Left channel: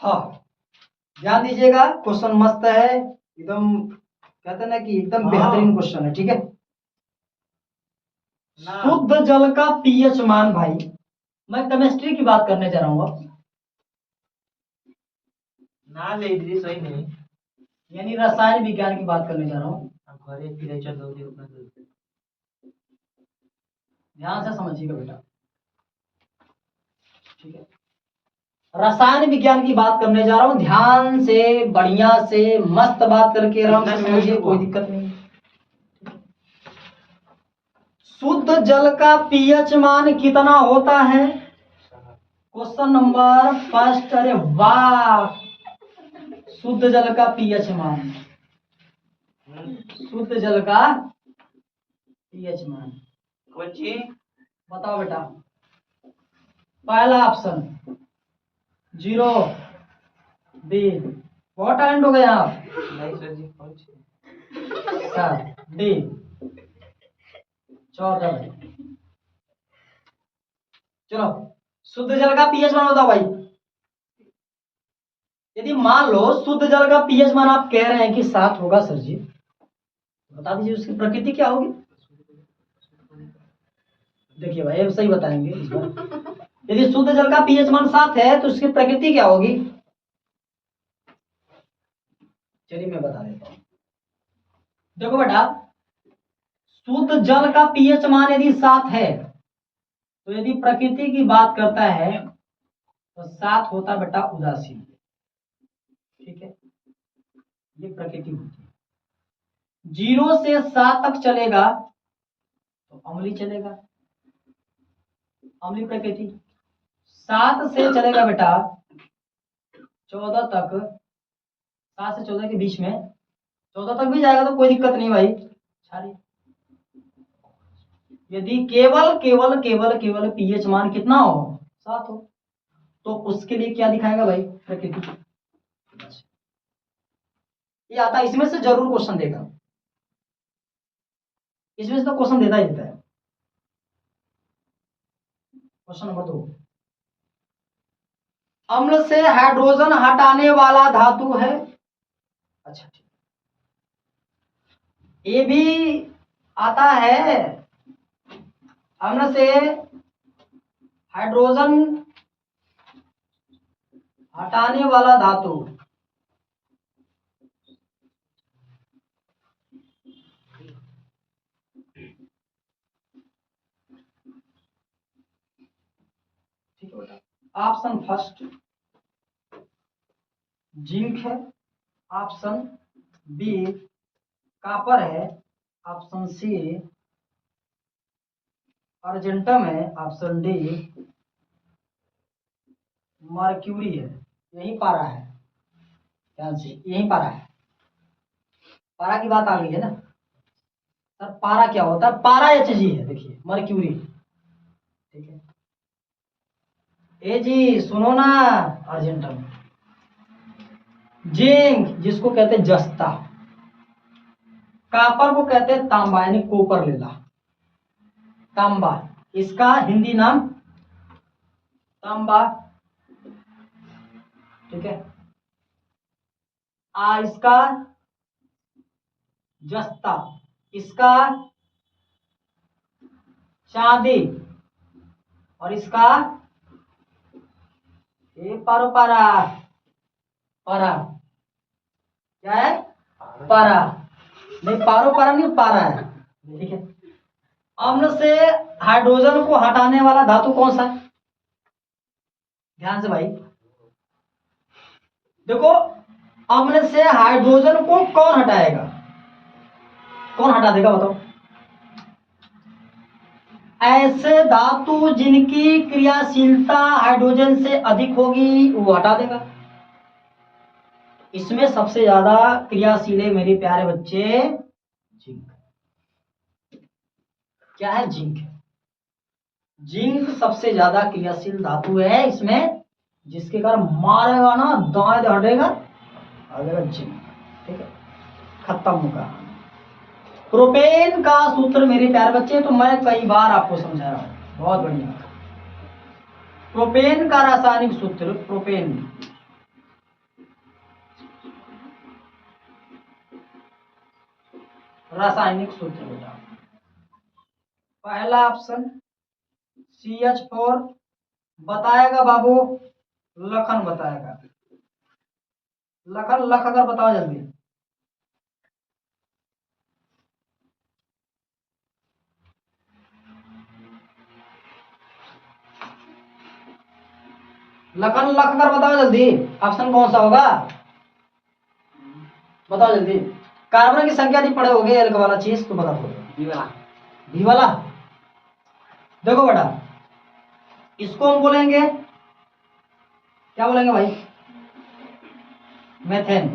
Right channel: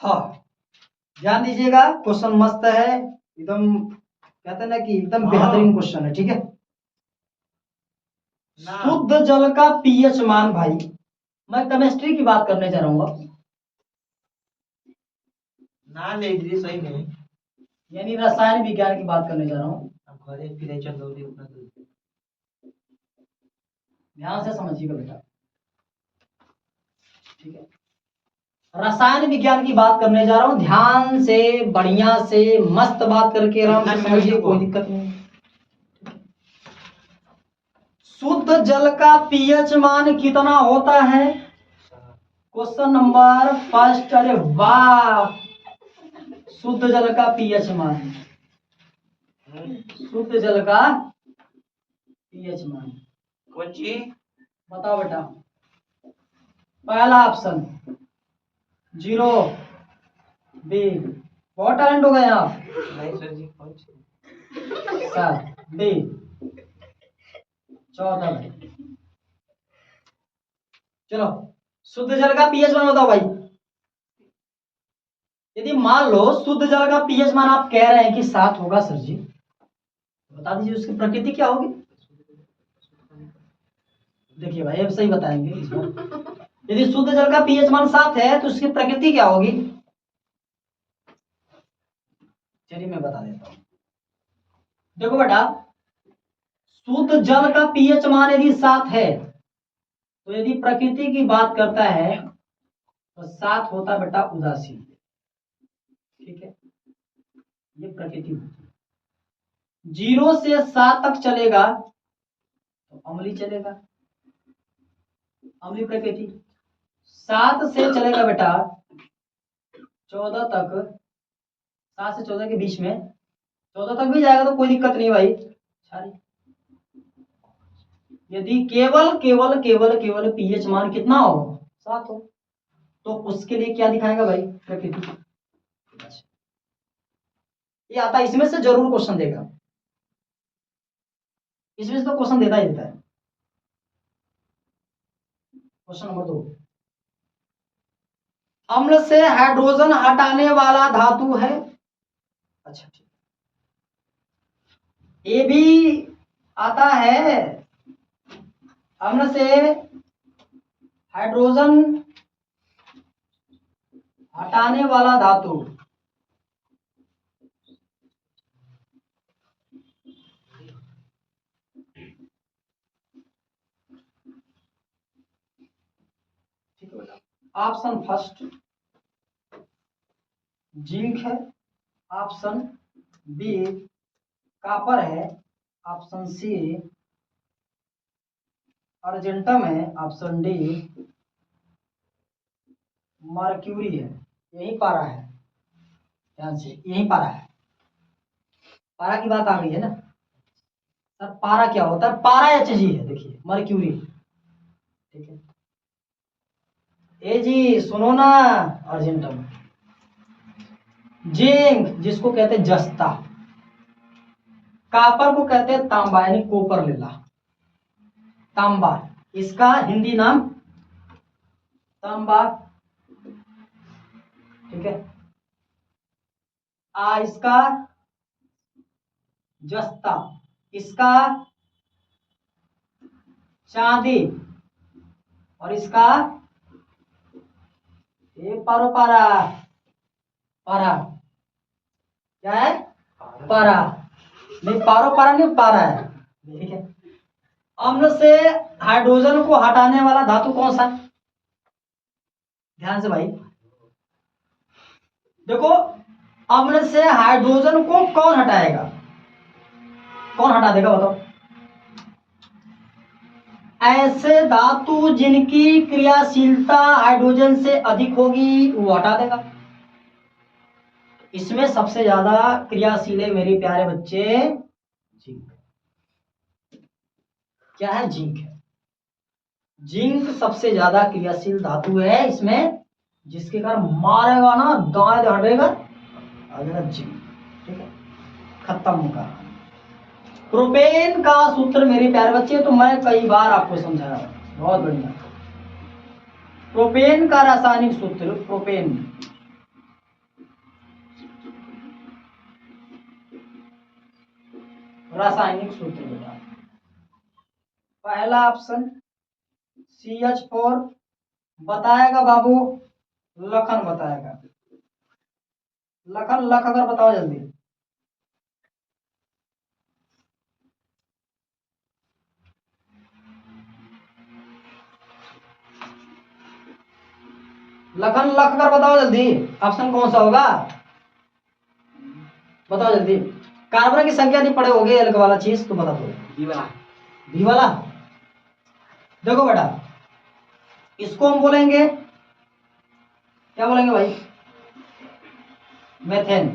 हाँ, ध्यान दीजिएगा, क्वेश्चन मस्त है एकदम, कहते हैं ना कि एकदम बेहतरीन क्वेश्चन है। ठीक है, शुद्ध जल का पीएच मान। भाई मैं केमिस्ट्री की बात करने जा रहा हूँ अब, ना ले इधर सही नहीं, यानी रसायन विज्ञान की बात करने जा रहा हूँ। घरे फिर चल दो उतना ध्यान से समझिएगा बेटा। ठीक है, रसायन विज्ञान की बात करने जा रहा हूँ, ध्यान से बढ़िया से मस्त बात करके आराम से समझिए, कोई दिक्कत नहीं। शुद्ध जल का पीएच मान कितना होता है? Question number first. अरे वाह, शुद्ध जल का पीएच मान, शुद्ध जल का पीएच मान कौन सी बताओ बेटा। पहला ऑप्शन 0, बी, बहुत टैलेंट हो गए आप। नहीं सर जी, कौन सी सर डी 14। चलो, शुद्ध जल का पीएच मान बताओ भाई। यदि मान लो शुद्ध जल का पीएच मान आप कह रहे हैं कि 7 होगा सर जी, बता दीजिए उसकी प्रकृति क्या होगी। देखिए भाई, अब सही बताएंगे इस बार। यदि शुद्ध जल का पीएच मान 7 है तो उसकी प्रकृति क्या होगी? चलिए मैं बता देता हूं। देखो बेटा, शुद्ध जल का पीएच मान यदि 7 है तो यदि प्रकृति की बात करता है तो 7 होता बेटा उदासीन। ठीक है, ये प्रकृति होती है। 0 से 7 तक चलेगा तो अम्लीय चलेगा, अम्लीय प्रकृति। 7 से चलेगा बेटा 14 तक, 7 से 14 के बीच में, 14 तक भी जाएगा तो कोई दिक्कत नहीं भाई, क्षारीय। यदि केवल केवल केवल केवल पीएच मान कितना हो, 7 हो, तो उसके लिए क्या दिखाएगा भाई, प्रकृति। ये आता, इसमें से जरूर क्वेश्चन देगा, इसमें से तो क्वेश्चन देता ही देता है। क्वेश्चन नंबर 2, अम्ल से हाइड्रोजन हटाने वाला धातु है। अच्छा ठीक, ये भी आता है, अम्ल से हाइड्रोजन हटाने वाला धातु। ठीक है बेटा, ऑप्शन फर्स्ट जिंक है, ऑप्शन बी कॉपर है, ऑप्शन सी अर्जेंटम है, ऑप्शन डी मर्क्यूरी है। यही पारा है, ध्यान से, यही पारा है। पारा की बात आ गई है ना सर, पारा क्या होता है? पारा Hg है, देखिए मर्क्यूरी। ठीक है, ए जी सुनो ना, अर्जेंटम। जिंक जिसको कहते हैं जस्ता, कॉपर को कहते हैं तांबा, यानी कोपर लेला, तांबा, इसका हिंदी नाम तांबा। ठीक है, इसका जस्ता, इसका चांदी, और इसका ये पारो पारा, पारा क्या है, पारा नहीं, पारो पारा नहीं, पारा है। ठीक है, अम्ल से हाइड्रोजन को हटाने वाला धातु कौन सा है? ध्यान से भाई देखो, अम्ल से हाइड्रोजन को कौन हटाएगा, कौन हटा देगा बताओ? ऐसे धातु जिनकी क्रियाशीलता हाइड्रोजन से अधिक होगी वो हटा देगा। इसमें सबसे ज्यादा क्रियाशील है मेरे प्यारे बच्चे, जिंक। क्या है? जिंक है। जिंक सबसे ज्यादा क्रियाशील धातु है इसमें, जिसके कारण मारेगा ना दाएं हटेगा, आ जाएगा जिंक। ठीक है, खत्म का। प्रोपेन का सूत्र मेरे प्यारे बच्चे तो मैं कई बार आपको समझाया, बहुत बढ़िया। प्रोपेन का रासायनिक सूत्र, प्रोपेन रासायनिक सूत्र बेटा। पहला ऑप्शन CH4 बताएगा बाबू, लखन बताएगा। लखन लख अगर बताओ जल्दी। लखन लख कर बताओ जल्दी, ऑप्शन कौन सा होगा, बताओ जल्दी। कार्बन की संख्या नहीं पढ़े होगे, एल्क वाला चीज तो बता दो। बी वाला। देखो बेटा, इसको हम बोलेंगे, क्या बोलेंगे भाई, मेथेन।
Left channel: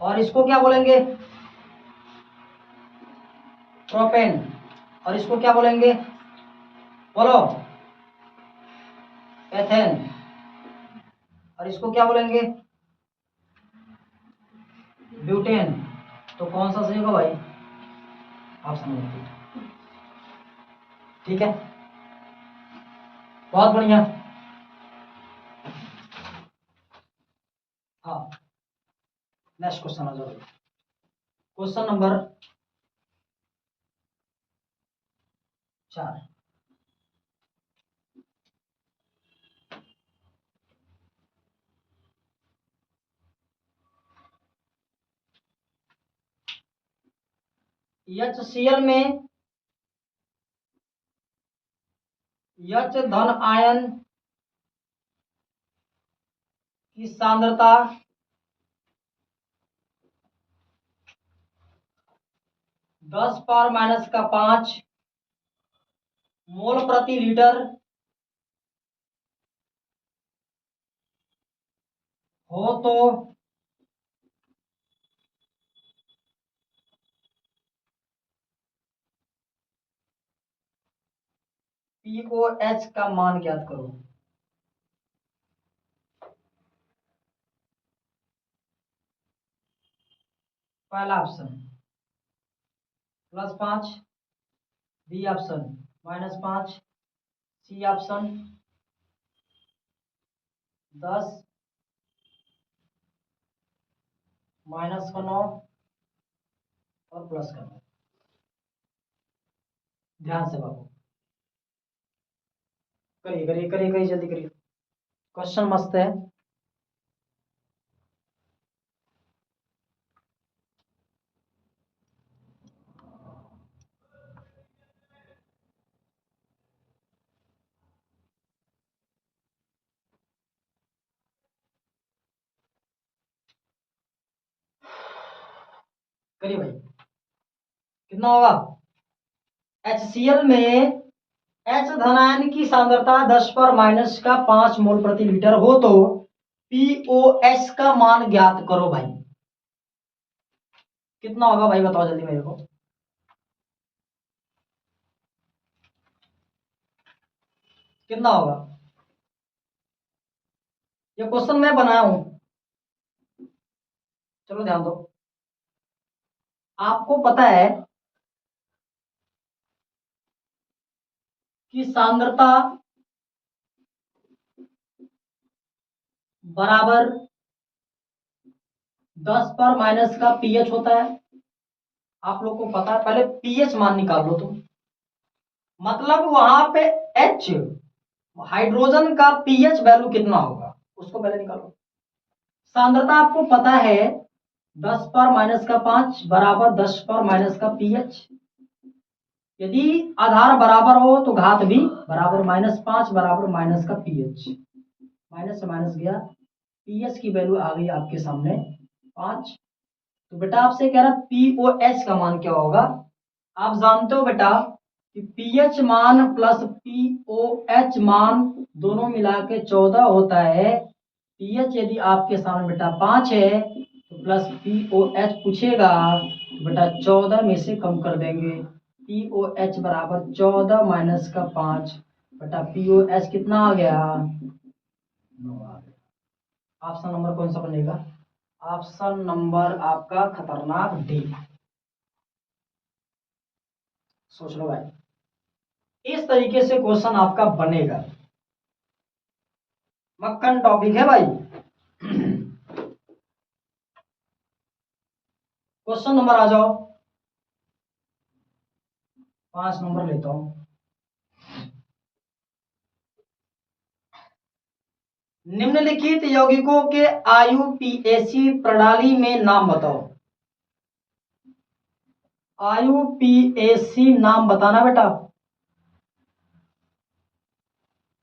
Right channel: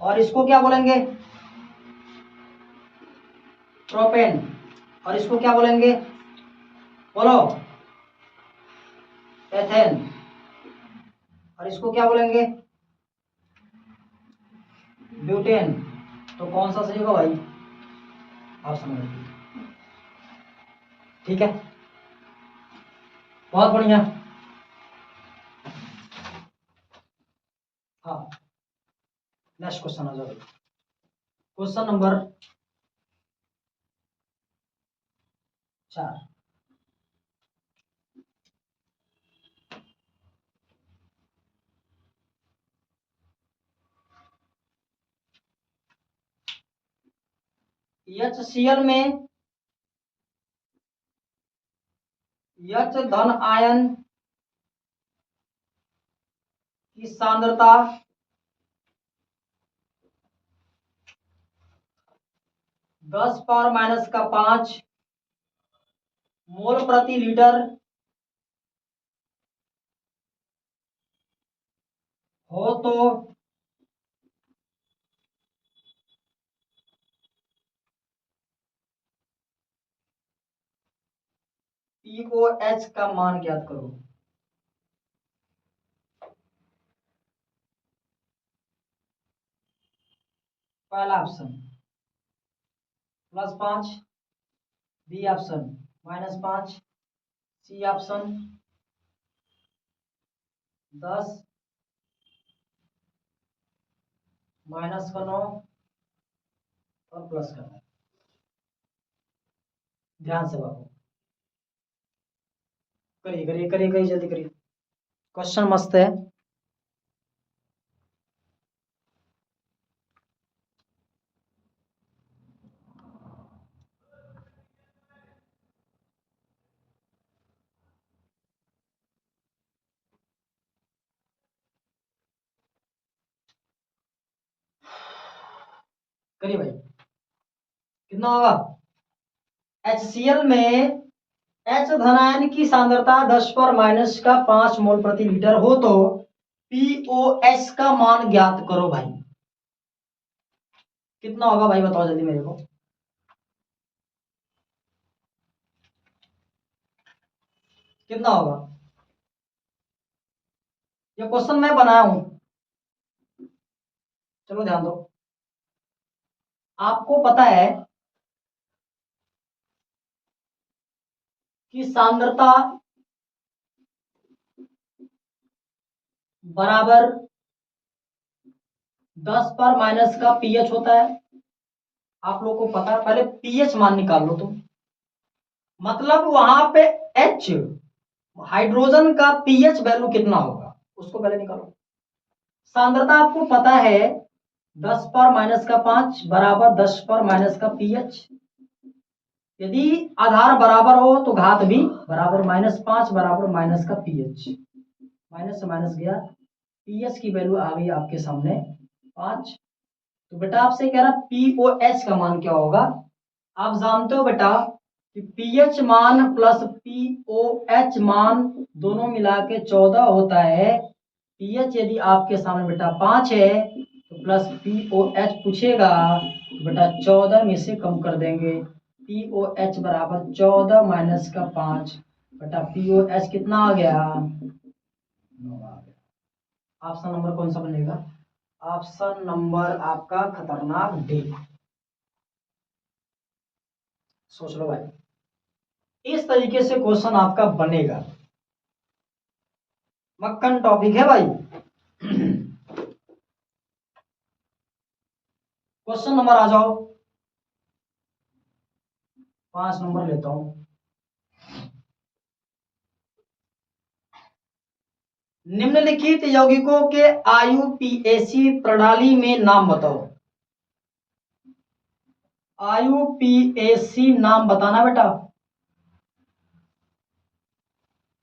और इसको क्या बोलेंगे, प्रोपेन। और इसको क्या बोलेंगे, बोलो, एथेन। और इसको क्या बोलेंगे, ब्यूटेन। तो कौन सा सही होगा भाई, आप समझ लीजिए। ठीक है, बहुत बढ़िया। हाँ, नेक्स्ट क्वेश्चन आ जाओ भाई। Question number 4। HCl में H धन आयन की सांद्रता 10⁻⁵ मोल प्रति लीटर हो तो POH का मान ज्ञात करो। पहला option +5, B option -5, C option 10 -9 और प्लस करना। ध्यान से बाबू, करिए करिए करिए करिए, जल्दी करिए, क्वेश्चन मस्त है। करिए भाई, कितना होगा, HCl में H धनायन की सांद्रता 10⁻⁵ मोल प्रति लीटर हो तो POS का मान ज्ञात करो भाई। कितना होगा भाई, बताओ जल्दी मेरे को। कितना होगा, ये क्वेश्चन मैं बनाया हूं, चलो ध्यान दो। आपको पता है कि सांद्रता बराबर 10 का पीएच होता है। आप लोग को पता है, पहले पीएच मान निकाल लो तुम, मतलब वहां पे एच हाइड्रोजन का पीएच वैल्यू कितना होगा उसको पहले निकालो। सांद्रता आपको पता है 10⁻⁵ बराबर 10⁻⁻ यदि आधार बराबर हो तो घात भी बराबर, -5 बराबर माइनस का पीएच, माइनस से माइनस गया, पीएच की वैल्यू आ गई आपके सामने 5। तो बेटा आपसे कह रहा पीओएच का मान क्या होगा। आप जानते हो बेटा कि पीएच मान प्लस पीओएच मान दोनों मिला के 14 होता है। पीएच यदि आपके सामने बेटा 5 है तो प्लस पीओएच पूछेगा तो बेटा 14 में से कम कर देंगे, पीओएच बराबर 14 माइनस का 5, बेटा पीओएच कितना आ गया, 9 आ गया। ऑप्शन नंबर कौन सा बनेगा, ऑप्शन नंबर आपका खतरनाक डी। सोच लो भाई, इस तरीके से क्वेश्चन आपका बनेगा, मक्खन टॉपिक है भाई। क्वेश्चन नंबर आ जाओ 5 नंबर लेता हूं। निम्नलिखित यौगिकों के आईयूपीएसी प्रणाली में नाम बताओ। आईयूपीएसी नाम बताना बेटा,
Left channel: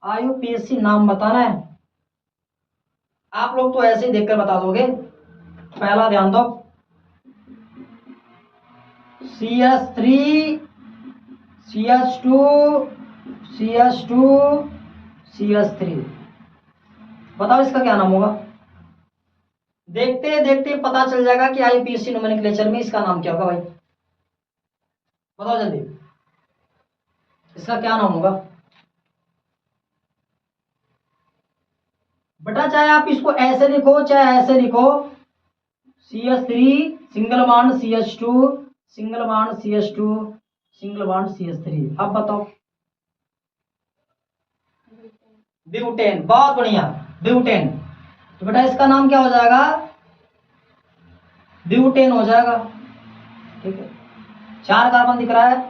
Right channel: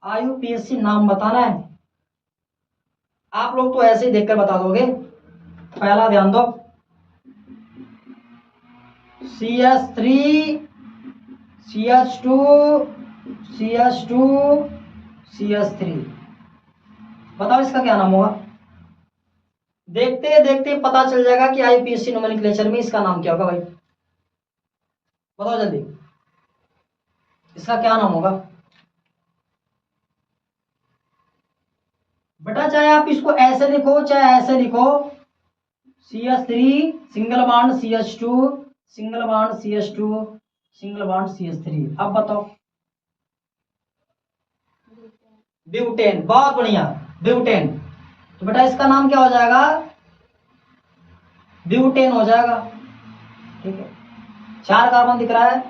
आईयूपीएसी नाम बताना है। आप लोग तो ऐसे ही देखकर बता दोगे। पहला ध्यान दो, CH3 CH2 CH2 CH3, बताओ इसका क्या नाम होगा। देखते देखते पता चल जाएगा कि आईयूपीएसी नोमेनक्लेचर में इसका नाम क्या होगा भाई, बताओ जल्दी, इसका क्या नाम होगा बेटा। चाहे आप इसको ऐसे लिखो चाहे ऐसे लिखो, CH3 single bond CH2 single bond CH2 single bond CH3। अब बताओ, ब्यूटेन, बहुत बढ़िया, ब्यूटेन। तो बेटा इसका नाम क्या हो जाएगा, ब्यूटेन हो जाएगा। ठीक है, 4 कार्बन दिख रहा है,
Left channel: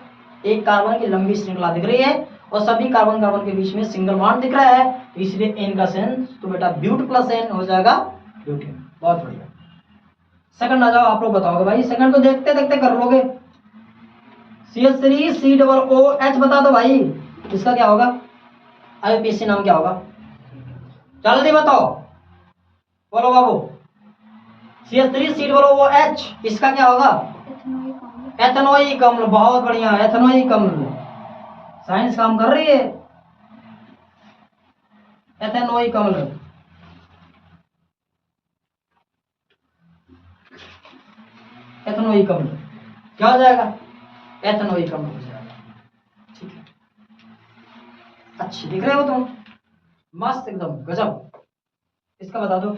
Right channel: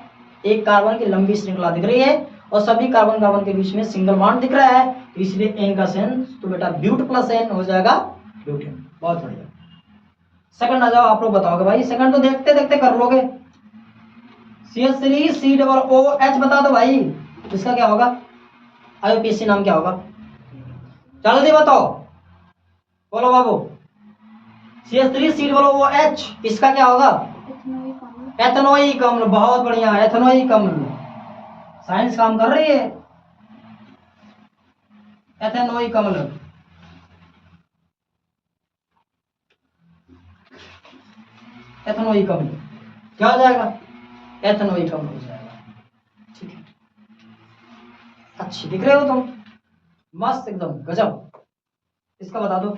एक कार्बन की लंबी श्रृंखला दिख रही है और सभी कार्बन कार्बन के बीच में सिंगल बॉन्ड दिख रहा है, तो इसलिए एन का सेंस, तो बेटा ब्यूट प्लस एन हो जाएगा ब्यूटेन। बहुत बढ़िया। सेकंड आ जाओ, आप लोग बताओगे भाई, सेकंड तो देखते देखते कर लोगे। CH3 COOH बता दो भाई, इसका क्या होगा, आईयूपीएसी नाम क्या होगा, जल्दी बताओ, बोलो बाबू। CH3 COOH, इसका क्या होगा, एथेनोइक अम्ल। बहुत बढ़िया, एथेनोइक अम्ल। साइंस काम कर रही है, एथेनोइक अम्ल। एथेनोइक अम्ल क्या हो जाएगा, एथेनोइक अम्ल हो जाएगा। ठीक है, अच्छी दिख रहे हो तुम, मस्त एकदम गजब। इसका बता दो,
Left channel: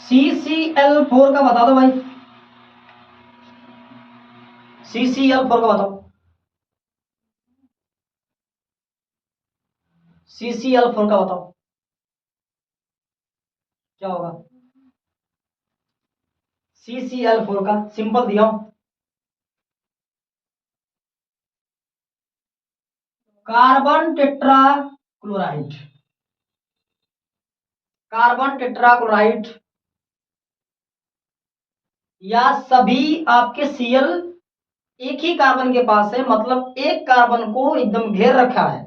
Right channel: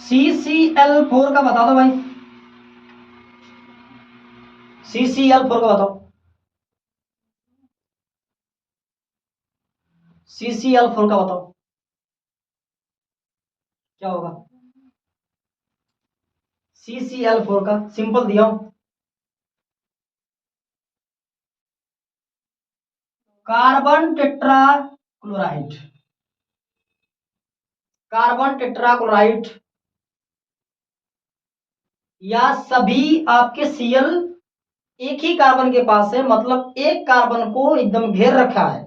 CCl4 का बता दो भाई, CCl4 का बताओ, CCl4 का बताओ क्या होगा, CCl4 का सिंपल दिया हूं, carbon tetra chloride, carbon tetra chloride, या सभी आपके Cl एक ही कार्बन के पास है, मतलब एक कार्बन को एकदम घेर रखा है,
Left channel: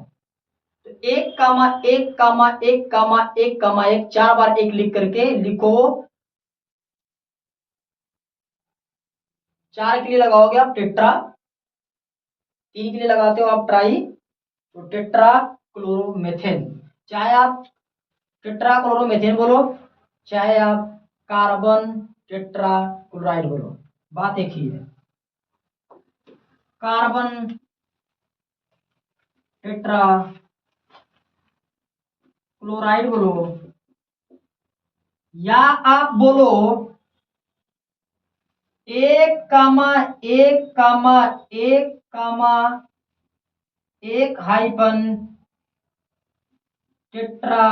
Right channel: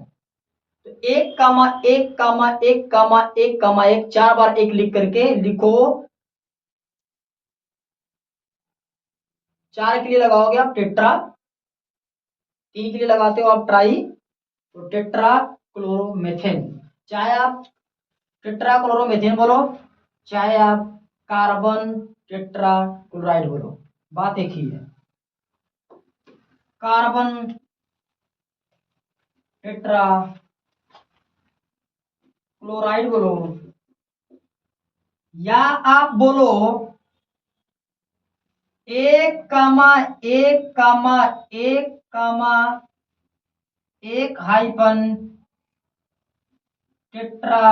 तो 1,1,1,1,1,1 4 बार 1 लिख करके लिखो। 4 के लिए लगाओगे आप टेट्रा, 3 के लिए लगाते हो आप ट्राई, तो टेट्रा क्लोरोमेथेन। चाहे आप टेट्रा क्लोरोमेथेन बोलो, चाहे आप कार्बन टेट्रा क्लोराइड बोलो, बात एक ही है। कार्बन टेट्रा क्लोराइड बोलो, या आप बोलो 1,1,1,1 हाइफन टेट्रा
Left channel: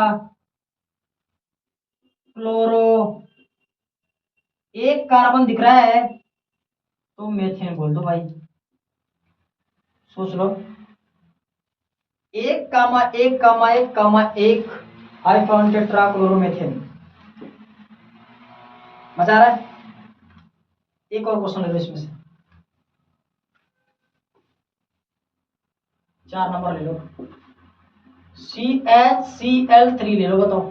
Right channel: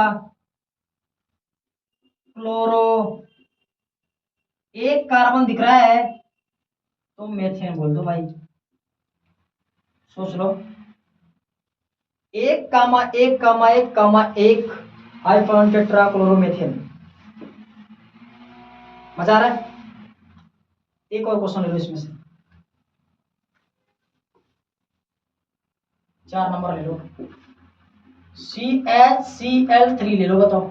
क्लोरो, एक कार्बन दिख रहा है तो मेथेन बोल दो भाई, सोच लो। 1,1,1,1 हाइफन टेट्रा क्लोरोमेथेन। मजा आ रहा है। एक और क्वेश्चन ले लो इसमें से, 4 नंबर ले लो, CHCl3 ले लो, बताओ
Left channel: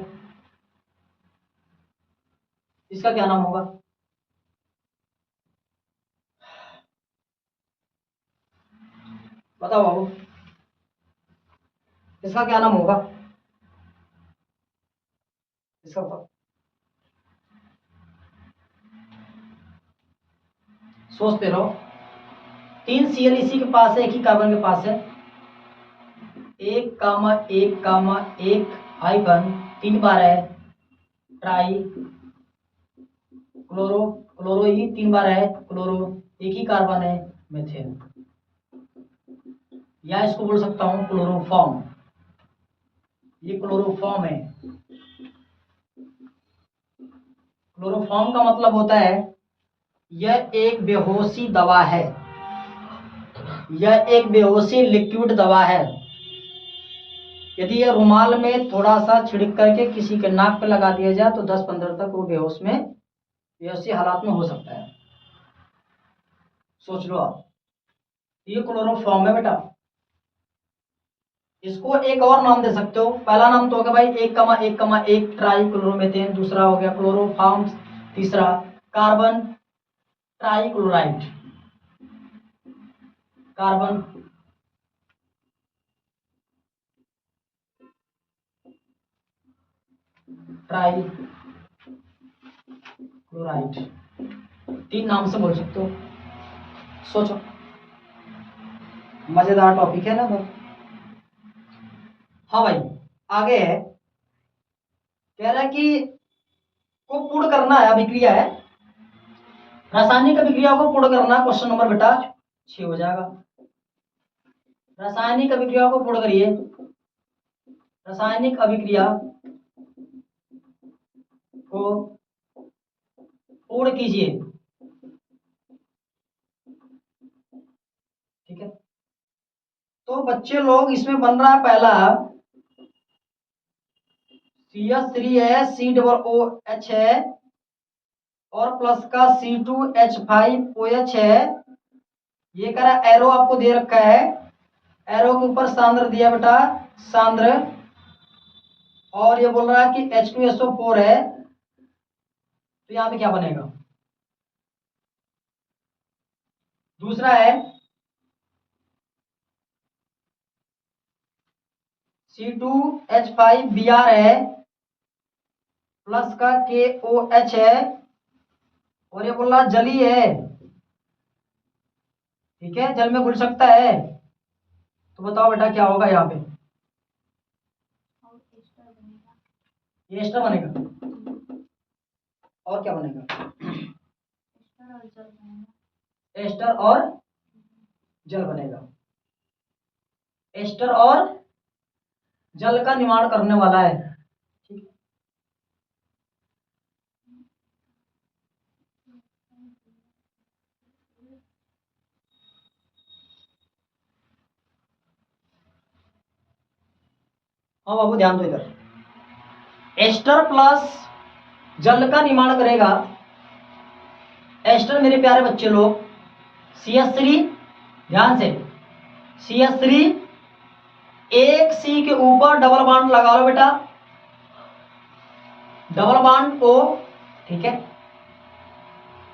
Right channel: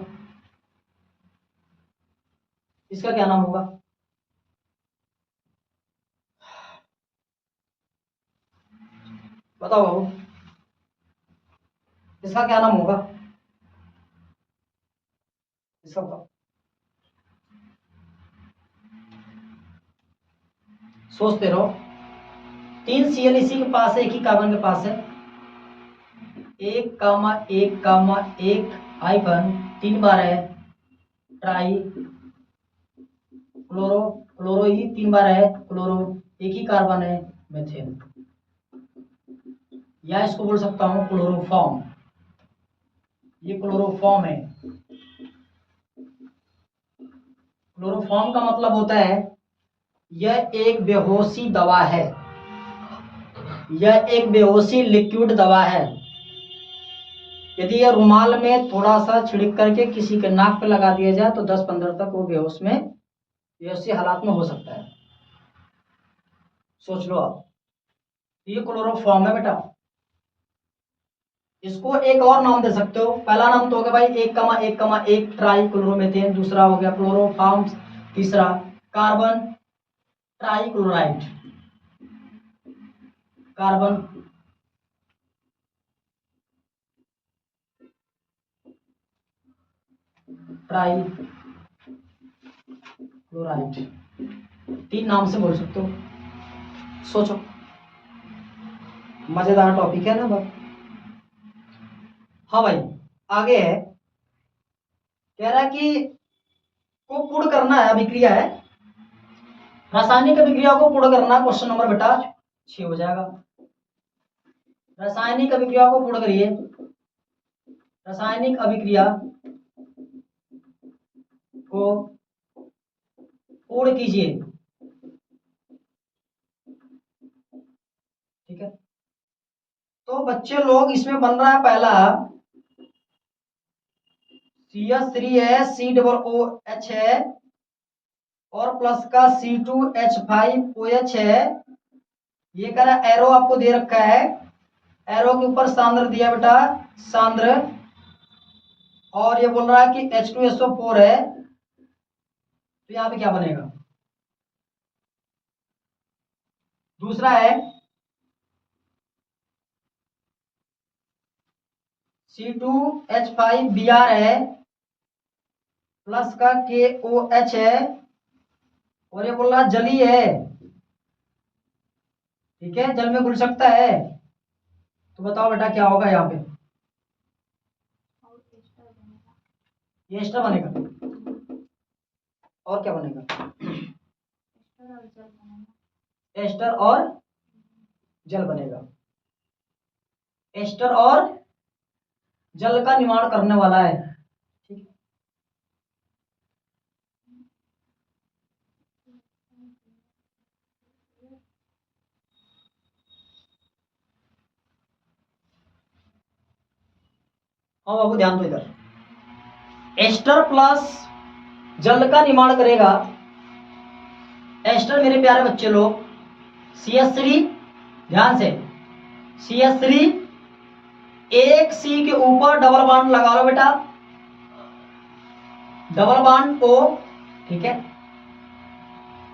इसका क्या नाम होगा, बताओ बाबू इसका क्या नाम होगा, इसका बताओ, सोचते रहो। 3 Cl इसी के पास है, एक ही कार्बन के पास है, 1,1,1 हाइफन 3 बार है ट्राई क्लोरो, क्लोरो ही 3 बार है क्लोरो, एक ही कार्बन है मेथेन, या इसको बोल सकता हूं क्लोरोफॉर्म, ये क्लोरोफॉर्म है। क्लोरोफॉर्म का मतलब होता है यह एक बेहोशी दवा है, यह एक बेहोशी लिक्विड दवा है। यदि यह रुमाल में थोड़ा सा छिड़क करके किसी के नाक पे लगा दिया जाए तो 10-15 तक वो बेहोशी हालात में हो सकता है। सोच लो आप, ये क्लोरोफॉर्म है बेटा। इसको एक और नाम दे सकते हो। पहला नाम तो हो गया भाई 1,1,1 ट्राइक्लोरोमीथेन, दूसरा हो गया क्लोरोफॉर्म, तीसरा कार्बन ट्राइक्लोराइड, कार्बन ट्राइक्लोराइड। 3 नाम से बोल सकते हो। सोचो, मजेदार टॉपिक है ना भाई। हाँ भाई, आगे है, कह रहा है कि को पूर्ण करना है, अभिक्रिया है, रासायनिक अभिक्रिया को पूर्ण करना। क्वेश्चन नंबर बेटा 6 हो जाएगा। रासायनिक अभिक्रिया को पूर्ण करिए, रासायनिक अभिक्रिया को पूर्ण कीजिए। ठीक है, तो बच्चे लोग इसमें बन रहा है पहला CH3 है, COOH है, और प्लस का C2H5OH है। ये कह रहा एरो आपको दे रखा है, एरो के ऊपर सांद्र दिया बेटा, सांद्र, और ये बोल रहा है कि H2SO4 है। तो यहाँ पे क्या बनेगा? दूसरा है C2H5Br है, प्लस का KOH है, और ये बोल रहा जलीय है। ठीक है, जल में घुल सकता है। तो बताओ बेटा क्या होगा यहाँ पे? ये एस्टर बनेगा। और क्या बनेगा? एस्टर और जल बनेगा। एस्टर और जल का निर्माण करने वाला है। ठीक है, हाँ बाबू ध्यान दो इधर। एस्टर प्लस जल का निर्माण करेगा। एस्टर मेरे प्यारे बच्चे लोग CH3, ध्यान से, CH3 एक C के ऊपर डबल बॉन्ड लगा लो बेटा, डबल बॉन्ड O। ठीक है,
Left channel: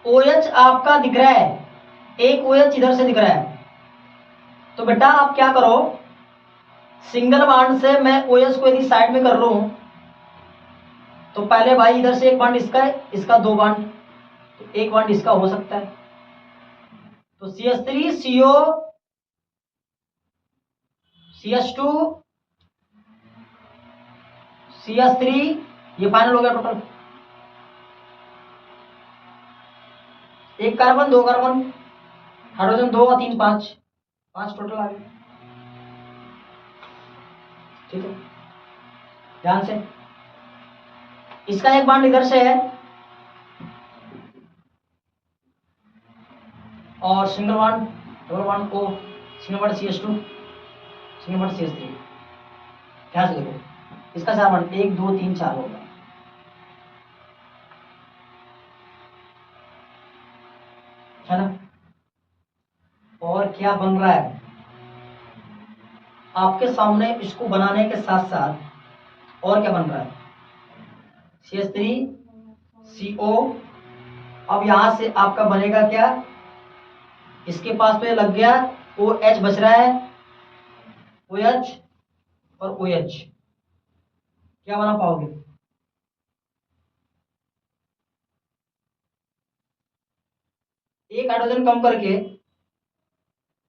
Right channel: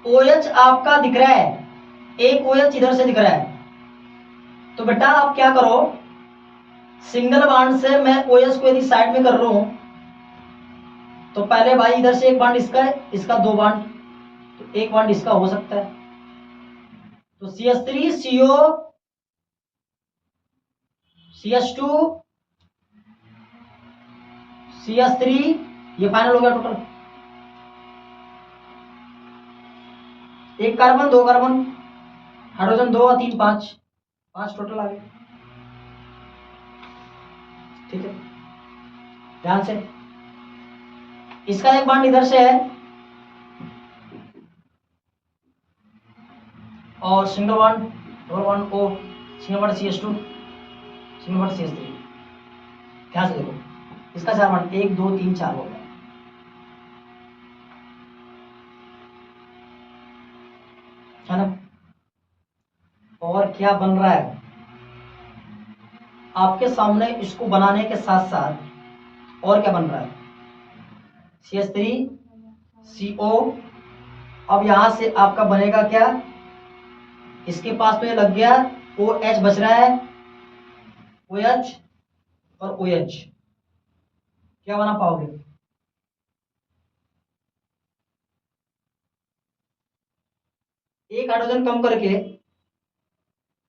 OH आपका दिख रहा है, एक OH इधर से दिख रहा है। तो बेटा आप क्या करो, सिंगल बॉन्ड से मैं OH को यदि साइड में कर रहा हूं तो पहले भाई इधर से एक बॉन्ड इसका है, इसका 2 बॉन्ड, तो एक बॉन्ड इसका हो सकता है। तो CH3 CO CH2 CH3, ये फाइनल हो गया टोटल। एक कार्बन, 2 कार्बन, हाइड्रोजन 2 और 3 5, 5 टोटल आ गए। ठीक है, ध्यान से, इसका एक बॉन्ड इधर से है और single bond, double bond O, single bond CH2, single bond CH3। ध्यान से देखो, इसका 4 बॉन्ड, 1 2 3 4 होगा। है ना? और क्या बन रहा है आपके सामने? इसको बनाने के साथ साथ और क्या बन रहा है? CH3 CO। अब यहां से आपका बनेगा क्या? इसके पास तो ये लग गया, OH बच रहा है, OH और OH। क्या बना पाओगे? एक हाइड्रोजन कम करके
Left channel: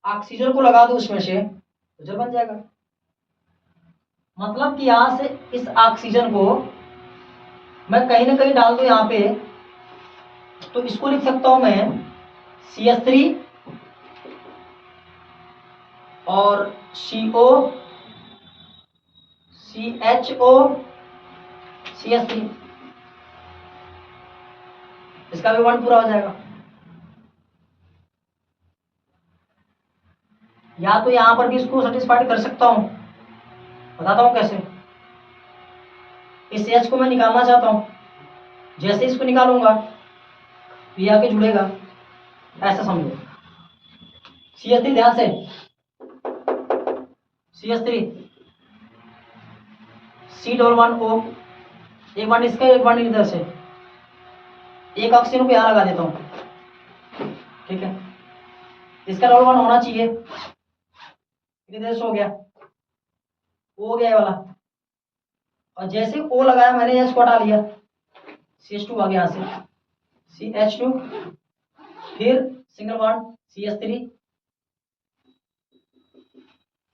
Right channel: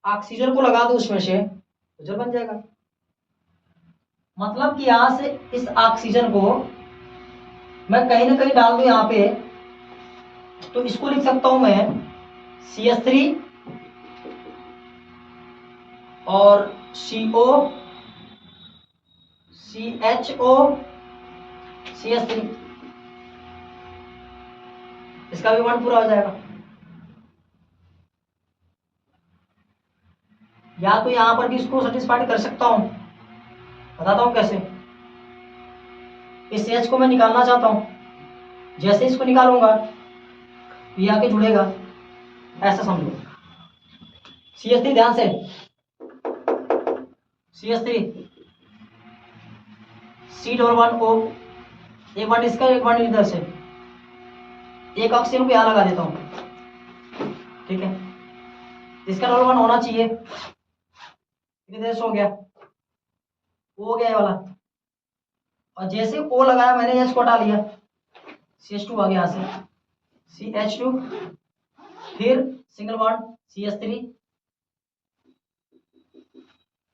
ऑक्सीजन को लगा दो उसमें से, तो जल बन जाएगा। मतलब कि यहां से इस ऑक्सीजन को मैं कहीं ना कहीं डाल दूं यहां पे, तो इसको लिख सकता हूं मैं CH3 और CO CHO CH3, इसका भी बॉन्ड पूरा हो जाएगा। या तो यहाँ पर भी इसको सेटिस्फाइड कर सकता हूँ, बताता हूँ कैसे। इस H को मैं निकालना चाहता हूँ, जैसे इसको निकालूंगा ये आके जुड़ेगा, ऐसा समझो। CH3 ध्यान से, CH3 C11O, एक बार इसका एक बार इधर से, एक ऑक्सीजन को यहाँ लगा देता हूँ, ठीक है। इसका डबल बॉन्ड होना चाहिए, कितने हो गया, O हो गया ये वाला, और जैसे O लगाया मैंने H को हटा लिया, CH2 आ गया यहाँ से, CH2, फिर सिंगल बॉन्ड CH3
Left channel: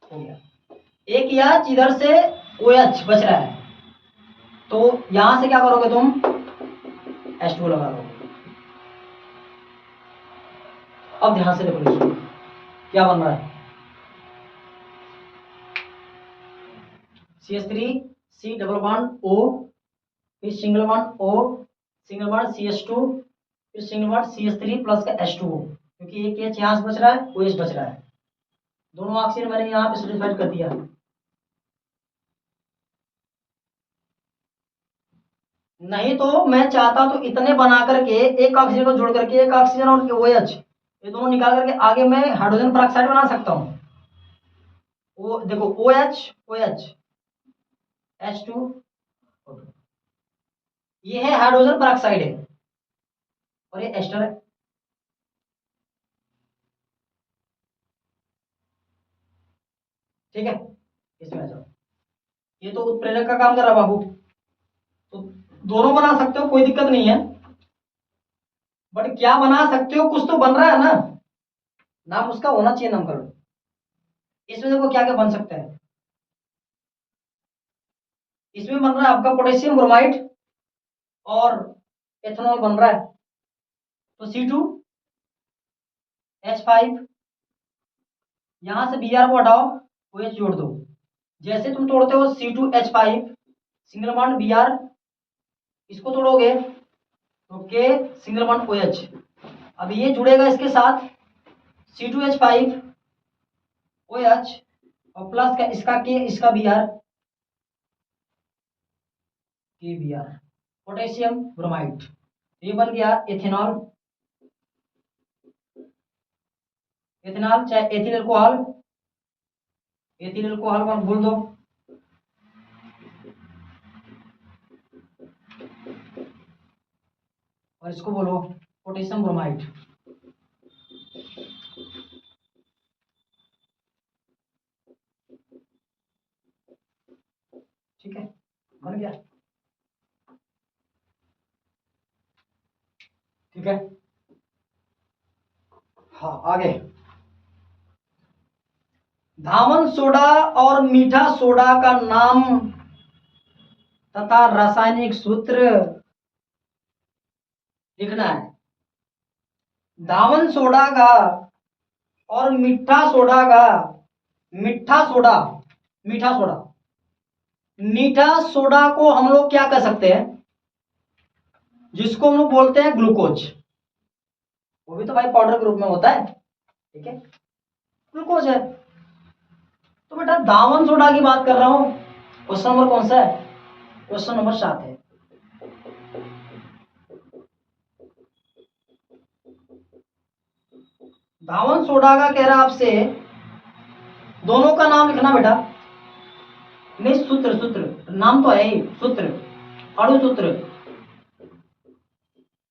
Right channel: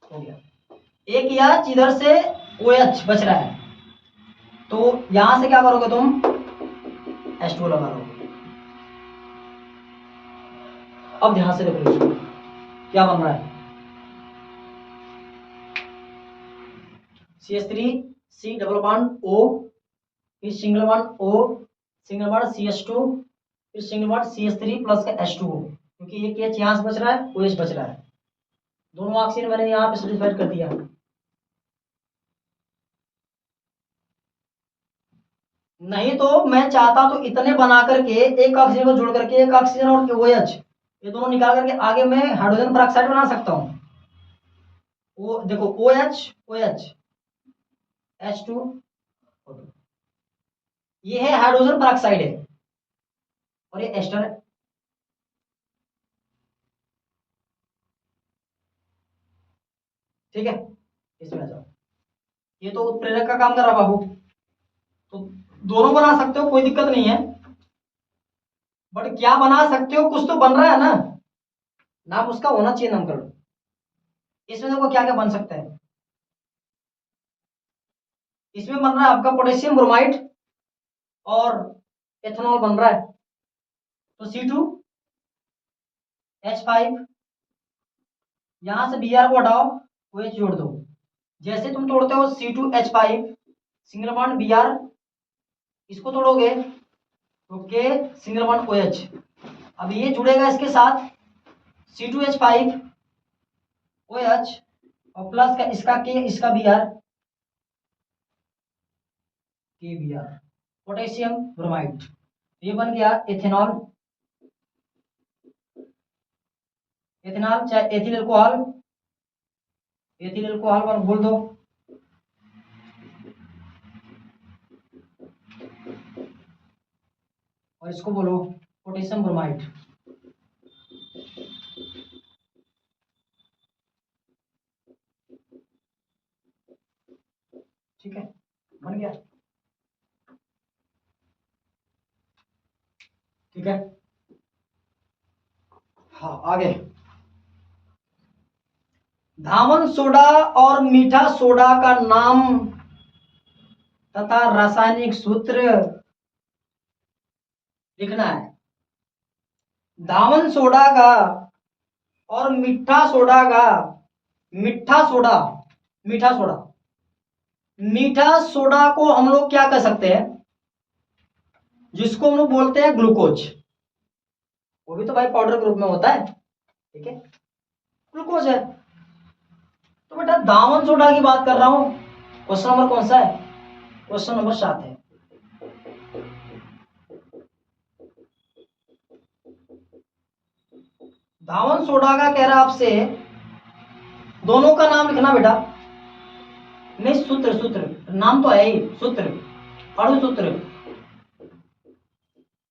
हो गया। एक H इधर से OH बच रहा है, तो यहां से क्या करोगे तुम, H2 लगा लो। अब ध्यान से देखो इसको क्या बन रहा है, CH3 C double bond O, फिर single bond O, single bond CH2, फिर सिंगल बॉन्ड CH3 प्लस का H2O, क्योंकि एक H यहाँ से बच रहा है, OH बच रहा है, दोनों ऑक्सीजन मैंने यहाँ पे सेटिस्फाइड कर दिया। नहीं तो मैं चाहता तो इतने बना करके एक ऑक्सीजन को जोड़ करके एक ऑक्सीजन और OH ये दोनों निकाल करके आगे मैं हाइड्रोजन पेरोक्साइड बना सकता हूँ। वो देखो OH OH H2, ये है हाइड्रोजन पेरोक्साइड है और ये एस्टर है, ठीक है। इसमें आ जाओ, ये तो उत्प्रेरक का काम कर रहा बाबू, तो दोनों बना सकते हो, कोई दिक्कत नहीं है, बट क्या बना सकते हो, कुछ तो बन रहा है ना, नाम उसका होना चाहिए नामकरण। इसमें देखो क्या क्या बन सकता है, इसमें बन रहा है आपका पोटेशियम ब्रोमाइड और एथेनॉल बन रहा है, तो C2H5, यहां से Br को हटाओ, OH जोड़ दो, जैसे तुम तोड़ते हो C2H5 सिंगल बॉन्ड Br, इसको तोड़ोगे तो K सिंगल बॉन्ड OH, अब ये जुड़ेगा इसके साथ C2H5 OH और प्लस का इसका K इसका Br, KBr पोटेशियम ब्रोमाइड, ये बन गया एथेनॉल, एथेनॉल चाहे एथिल अल्कोहल, एथिल अल्कोहल पर बोल दो, और इसको बोलो पोटेशियम ब्रोमाइड, ठीक है, बन गया, ठीक है। हाँ आगे, धावन सोडा और मीठा सोडा का नाम तथा रासायनिक सूत्र लिखना है। धावन सोडा का और मीठा सोडा का, मीठा सोडा, मीठा सोडा, मीठा सोडा को हम लोग क्या कर सकते हैं, जिसको हम लोग बोलते हैं ग्लूकोज, वो भी तो भाई पाउडर के रूप में होता है, ठीक है, ग्लूकोज है। तो बेटा दामन सोडा की बात कर रहा हूं, क्वेश्चन नंबर कौन सा है, क्वेश्चन नंबर 7 है। धावन सोडा का कह रहा है आपसे, दोनों का नाम लिखना बेटा, नहीं सूत्र, सूत्र नाम तो है ही, सूत्र अणु सूत्र,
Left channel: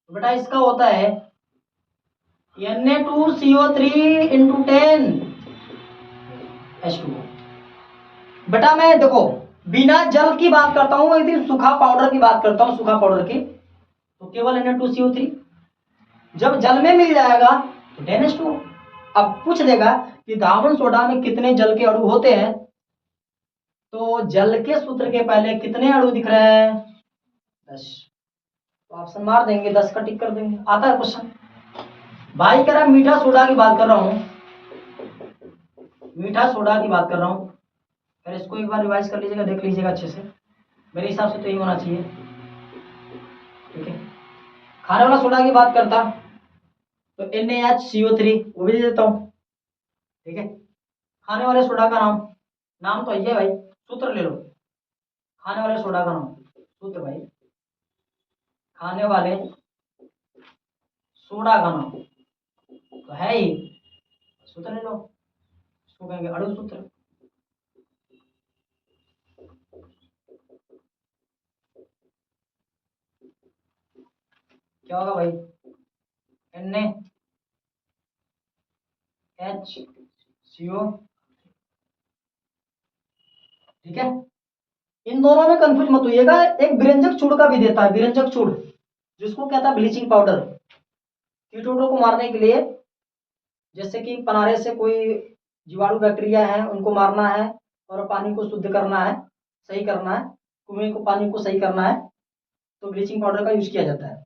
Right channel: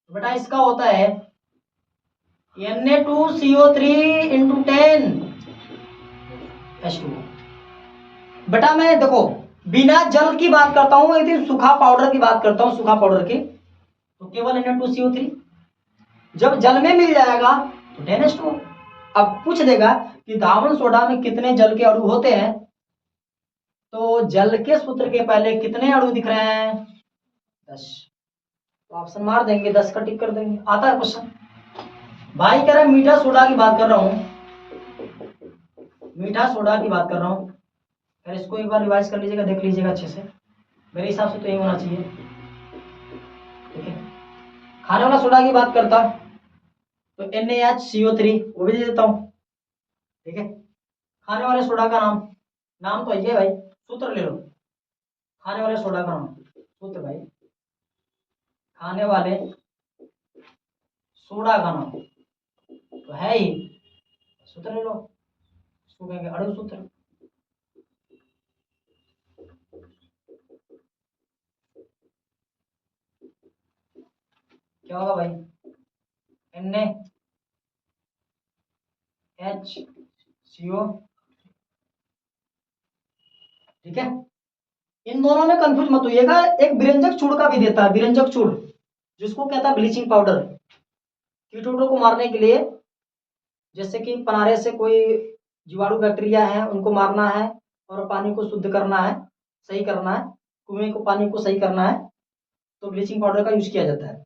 बेटा इसका होता है Na2CO3 × 10 H2O। बेटा मैं देखो बिना जल की बात करता हूं, मैं यदि सूखा पाउडर की बात करता हूं, सूखा पाउडर की, तो केवल Na2CO3, जब जल में मिल जाएगा तो 10 H2O। अब पूछ देगा कि धावन सोडा में कितने जल के अणु होते हैं, तो जल के सूत्र के पहले कितने अणु दिख रहे हैं, 10, तो ऑप्शन मार देंगे, 10 का टिक कर देंगे, आता है क्वेश्चन। भाई कह रहा है मीठा सोडा की बात कर रहा हूं, मीठा सोडा की बात कर रहा हूं, फिर इसको एक बार रिवाइज कर लीजिएगा, देख लीजिएगा अच्छे से, मेरे हिसाब से तो यही होना चाहिए, ठीक है। खाने वाला सोडा की बात करता तो NaHCO3 वो भी दे देता हूं, ठीक है। खाने वाले सोडा का नाम, नाम तो ये भाई, सूत्र ले लो। खाने वाले सोडा का नाम, सूत्र भाई, खाने वाले सोडा का नाम तो है ही, सूत्र ले लो, इसको कहेंगे अणु सूत्र। क्या होगा भाई, NaHCO। ठीक है, इन दोनों में कंफ्यूज मत होइएगा। एक विरंजक चूड़ का भी देता है, विरंजक चूड़, जिसको कहता है ब्लीचिंग पाउडर, कीटों को मारने के लिए। जैसे कि पनारे से कोई जीवाणु बैक्टीरिया है, उनको मारना है और पानी को शुद्ध करना है, सही करना है, कुएं को पानी को सही करना है, तो ब्लीचिंग पाउडर का यूज किया जाता है।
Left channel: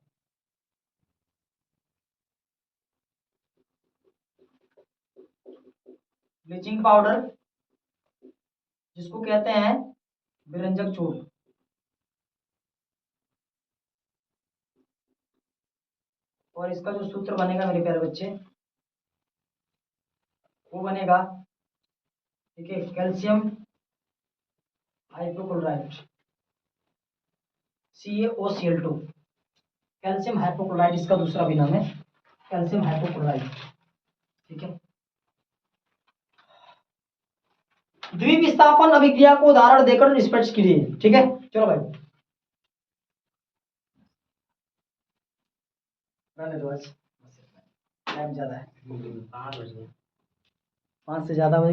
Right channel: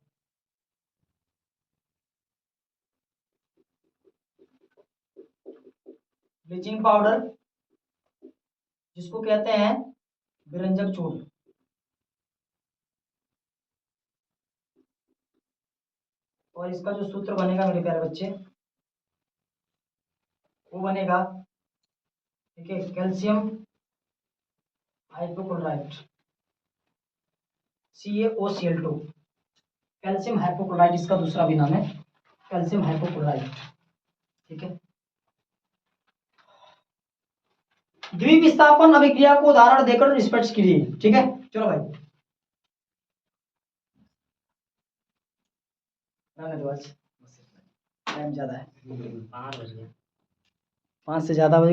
ब्लीचिंग पाउडर जिसको कहते हैं विरंजक चूड़। और इसका जो सूत्र बनेगा मेरे प्यारे बच्चे, वो बनेगा, ठीक है, calcium hypochloride, CaOCl2। Calcium hypochloride इसका दूसरा भी नाम है, कैल्शियम हाइपोक्लोराइड। ठीक है, द्विविस्थापन अभिक्रिया को उदाहरण देकर स्पष्ट कीजिए। ठीक है, चलो भाई, टाइम ज्यादा है, 5 बज गए। 5 से ज्यादा हो गया।